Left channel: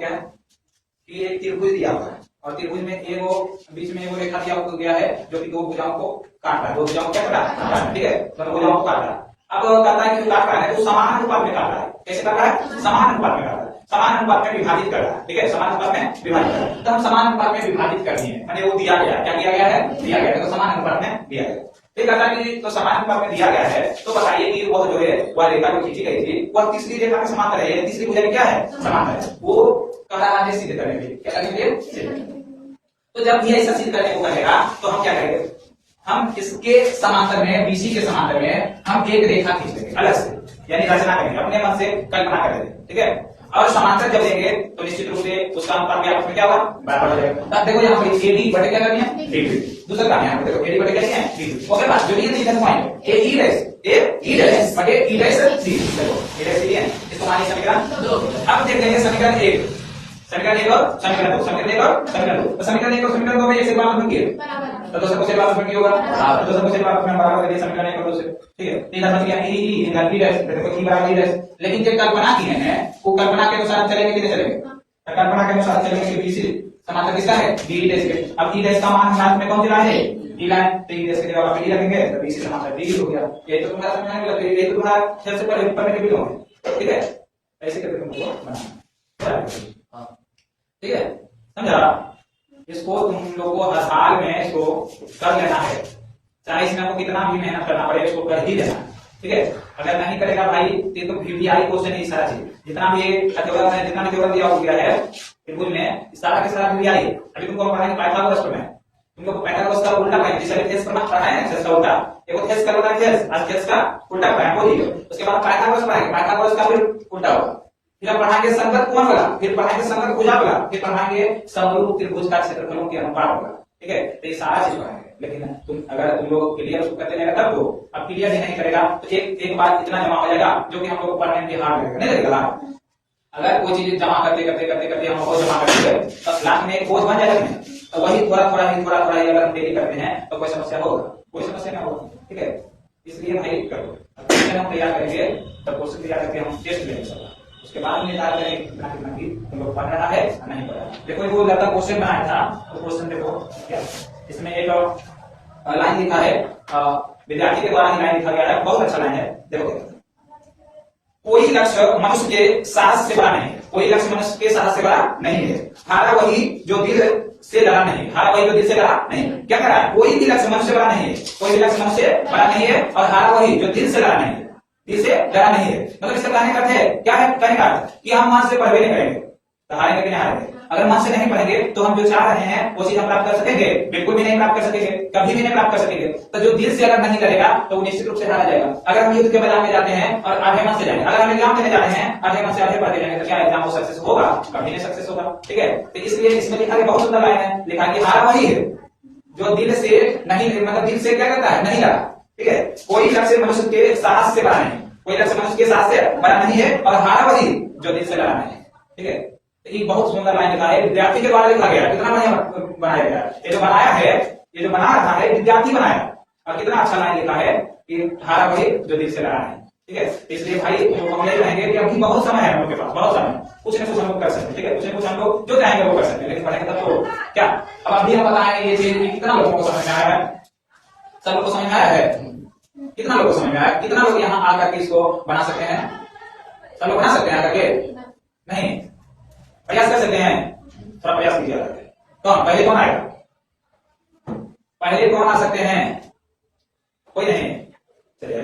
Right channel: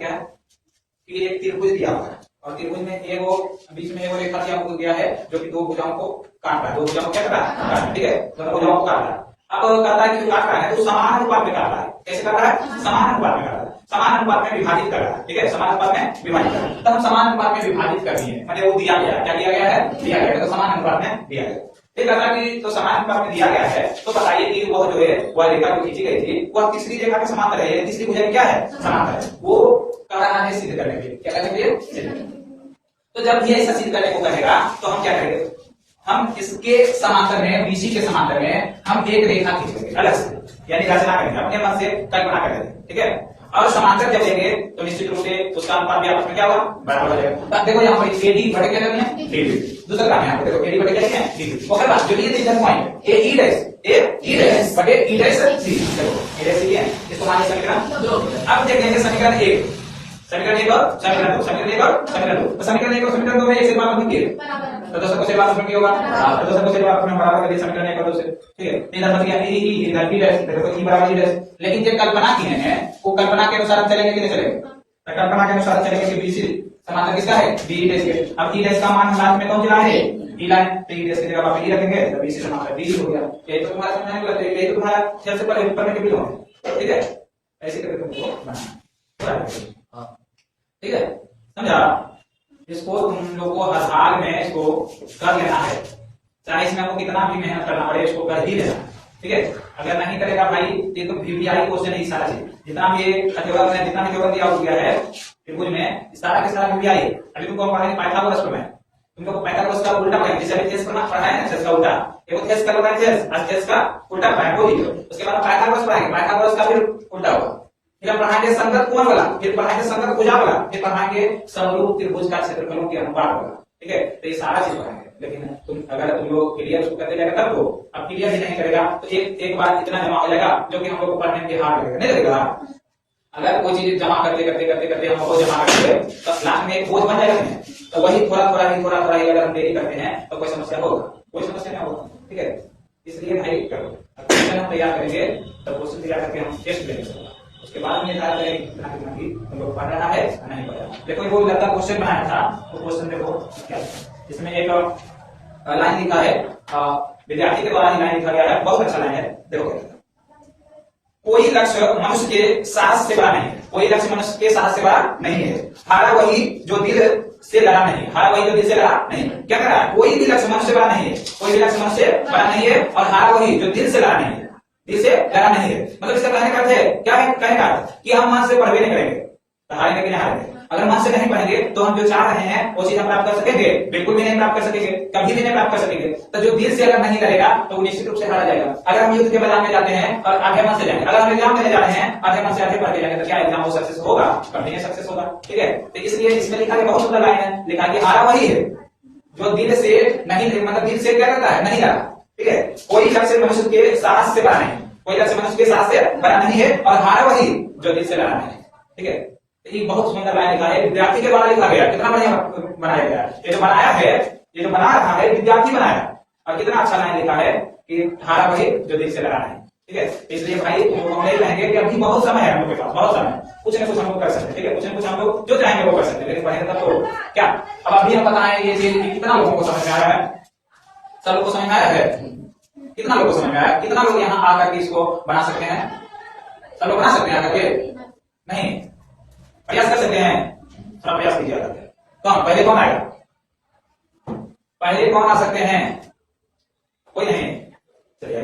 क्या कि एक त्रिभुज दिया हुआ है और त्रिभुज में एगो बीच में एगो रेखा दिया गया है जो कि दो भुजाओं को काट रहा है, दो भुजाओं को क्या कर रहा है, ठीक है, दोनों भुजाओं को काट रहा है। अब कहता है कि काट रहा है तो समान अनुपात में काट रहा है। कैसे काट रहा है? समान अनुपात में काट रहा है, समान अनुपात में विभाजित कर रहा है, ठीक है, समान अनुपात में विभाजित कर रहा है। तब हम समान अनुपात में विभाजित कर दिए, माने वो दिया गया, क्या दिया गया है? दिया गया है, तो समान अनुपात में दिया गया। ठीक है कि तो समान अनुपात में दिया गया है, तो बताइए कि वो जो है वह रेखा जो खींची गई थी वह तीसरी रेखा के समांतर है, तीसरी भुजा क्या है? समांतर है। वो कह रहा है सिद्ध करने के लिए, क्या करने के लिए? तो जब ये ऐसा सिद्ध करने को कहेगा तो हम क्या करेंगे? हम इसके समांतर में, बीसी के समांतर में हम एक रेखा खींच लेंगे अलग से, यानी रचना करेंगे, अपने मन से कल्पना करेंगे, ठीक है। और समांतर जब लेंगे तो निश्चित रूप से उसका अनुपात भी आपस में क्या होगा? बराबर हो जाएगा। अब देखो यहाँ पर एडी बटे क्या करनी है? डीडी। दूसरा करना है, देखो एडी बटे क्या है? डीडी। ओके बात जो ये दिखा पॉइंट ए ई डैश बटे ई डैश डी, देखो ए डैश ये है, इसको मानिए समीकरण 2। अब देख लेंगे समीकरण 1, समीकरण 1 और समीकरण 2, समीकरण 1 और समीकरण 2। तो समीकरण 1 और समीकरण 2 में एक से बार बन गया तो दूसरा को से बार बन होगा, तो दूसरा को से बार में बराबर कर दिया समीकरण 1 और 2 से, ठीक है। इधर मतलब क्या ई इधर ई डैश, देखो ई बराबर ई डैश। लेकिन जो कल्पना की है वो कल्पना के अनुसार चलेंगे कि नहीं चलेंगे? तो कल्पना के अनुसार चलेंगे कि बीसी समांतर किसका है? डी डैश के। अब ई डैश का मान साथ में कौन चला है? डी लाइन, तो ई डैश की जगह आप ई रखेंगे तो बीसी समांतर डी हो गया। ये तो तुम्हारा समझने में लगता है, ये तो तुम्हारा खेल से पढ़ने के बिलो है, ठीक है। ऐसे करके तुमको बनाना, ठीक है, समझा? इसको तुम लोग को हर हाल में इसको कर लेना है, चाहे इसमें आपको कितना भी मेहनत करना पड़े, इसको कर ही लेना, ठीक है। अगर नहीं करेगा भाई तो वीवीआई क्वेश्चन है, सारा चीज जितना भी अतिवर्ग है, जितना भी जोड़ दिया गया है त्रिभुज में, सारा के सारा वीवीआई। अभी तुमको पढ़ाएंगे पाइथागोरस में, तुमको पाइथागोरस का उल्टा पढ़ाएंगे, जैसे थेस करना पढ़ाया है, थेस का उल्टा, एक थेस कर रहा है, थेस आज थेस का उल्टा पढ़ाएंगे, वो लीजिए। उसके बाद पाइथागोरस पढ़ाएंगे, पाइथागोरस का फिर उल्टा होगा, फिर पढ़ाएंगे संगत कोण वाला, फिर पढ़ाएंगे संगत भुजा वाला, फिर पढ़ाएंगे समरूप त्रिभुज का क्षेत्रफलों के अनुपात वाला, ठीक है। तो ये सारा चीज पढ़ाएंगे। लेकिन तुम अगर तुम लोग क्लियर उसको करते जाएगा तब तो, अब क्लियर भी नहीं करेगा तो एक बार इतना जमा हो जाएगा जो कि हम लोग को पढ़ने में हार्ड लगेगा, नहीं लगेगा? अगर कोई चीज जमा करते करते करते करते हम बहुत जमा करते हैं तो लास्ट में एक बोझ बन जाएगा, नहीं? तो वही थोड़ा थोड़ा ही अगर हम देरी करते हैं तो कोई समस्या होगा? कोई समस्या नहीं होगा, ठीक है। इसलिए भाई करो, हम तैयार करेंगे तब क्वेश्चन तैयार करके हम टेस्ट लेंगे, उसके बाद में निर्धारित करेंगे कितना कितना की हम लोग पढ़ रहा है नहीं पढ़ रहा। देखो वो लगता क्वेश्चन बनाया था, तो क्वेश्चन देखो क्या इसमें एक लाइन लिखा है, विद्यार्थी के द्वारा ही लाइन लिखा गया है, बहुत अच्छा लाइन है। देखो कोई लक्ष्य मनुष्य के साहस से बड़ा नहीं है, कोई लक्ष्य मनुष्य के साहस से बड़ा नहीं है, हारा वही जो दिल से लड़ा नहीं, हारा वही जो दिल से लड़ा नहीं। क्या कह रहा है? कोई भी लक्ष्य मनुष्य से बड़ा नहीं है, कोई भी लक्ष्य मनुष्य से बड़ा नहीं है और हारा वही जो दिल से लड़ा नहीं है, दिल से लड़ा नहीं है। मतलब इसका कहने का अर्थ है क्या है? कहने का अर्थ कि हम मन से पढ़वे नहीं करेंगे तो हारेंगे कि नहीं हारेंगे। अगर मन से नहीं पढ़ेंगे तो हम जो चाह रहे हैं वो चीज हम प्राप्त कर सकेंगे? बिल्कुल भी नहीं प्राप्त कर सकेंगे, कभी भी नहीं प्राप्त कर सकेंगे। तो जो दिल से अगर नहीं करेगा तो वो निश्चित रूप से हारा जाएगा। अगर हम युद्ध के मैदान में जाते हैं और आधे मन से जाएंगे, अगर हम एग्जाम देने जा रहे हैं आधे मन से आधे पढ़ते जाएंगे तो क्या एग्जाम वो सक्सेस होगा? कभी नहीं सक्सेस होगा, ठीक है। तो इसलिए इसमें लिखा है, बहुत सुंदर लाइन है, लिखा है कि हारा वही है जो दिल से नहीं, मतलब दिल से क्या करता है? नहीं लड़ा, ठीक है। कोई लक्ष्य मनुष्य के साहस से बड़ा नहीं, कोई लक्ष्य मनुष्य के साहस से बड़ा नहीं है और हारा वही जो दिल से लड़ा नहीं, ठीक है। ये बहुत सुंदर लाइन लिखा है, विद्यार्थी के द्वारा लिखा गया, कितना बढ़िया बनाया गया। ये जो बनाया है, ये जो बना रहा है विद्यार्थी बनाया, और कितना अच्छा लाइन लिखा है कि हारा वही जो दिल से लड़ा है, ठीक है। इसलिए भाई हम यही कहेंगे कि अभी बहुत समय है हम लोग के पास, बहुत समय, कुछ न कुछ हम लोग कर सकते हैं, ठीक है। कुछ न कुछ हम लोग जो चाहेंगे वो कर सकते हैं, लेकिन पढ़ेंगे तब तो क्या। अब अभी हम बताएं ये चीज कितना लोगों को समझ में आया है? सब लोग को समझ में आया है? कितना लोगों को समझ में आया? कितना लोग यहाँ आकर के इसको बना सकते हैं? सब लोग बना सकते हैं आकर के? नहीं, प्रयास कर सकते हैं, थोड़ा प्रयास कीजिए करके। कौन पहले कौन आएगा? पहले कौन आ सकते हैं? कोई नहीं, चलिए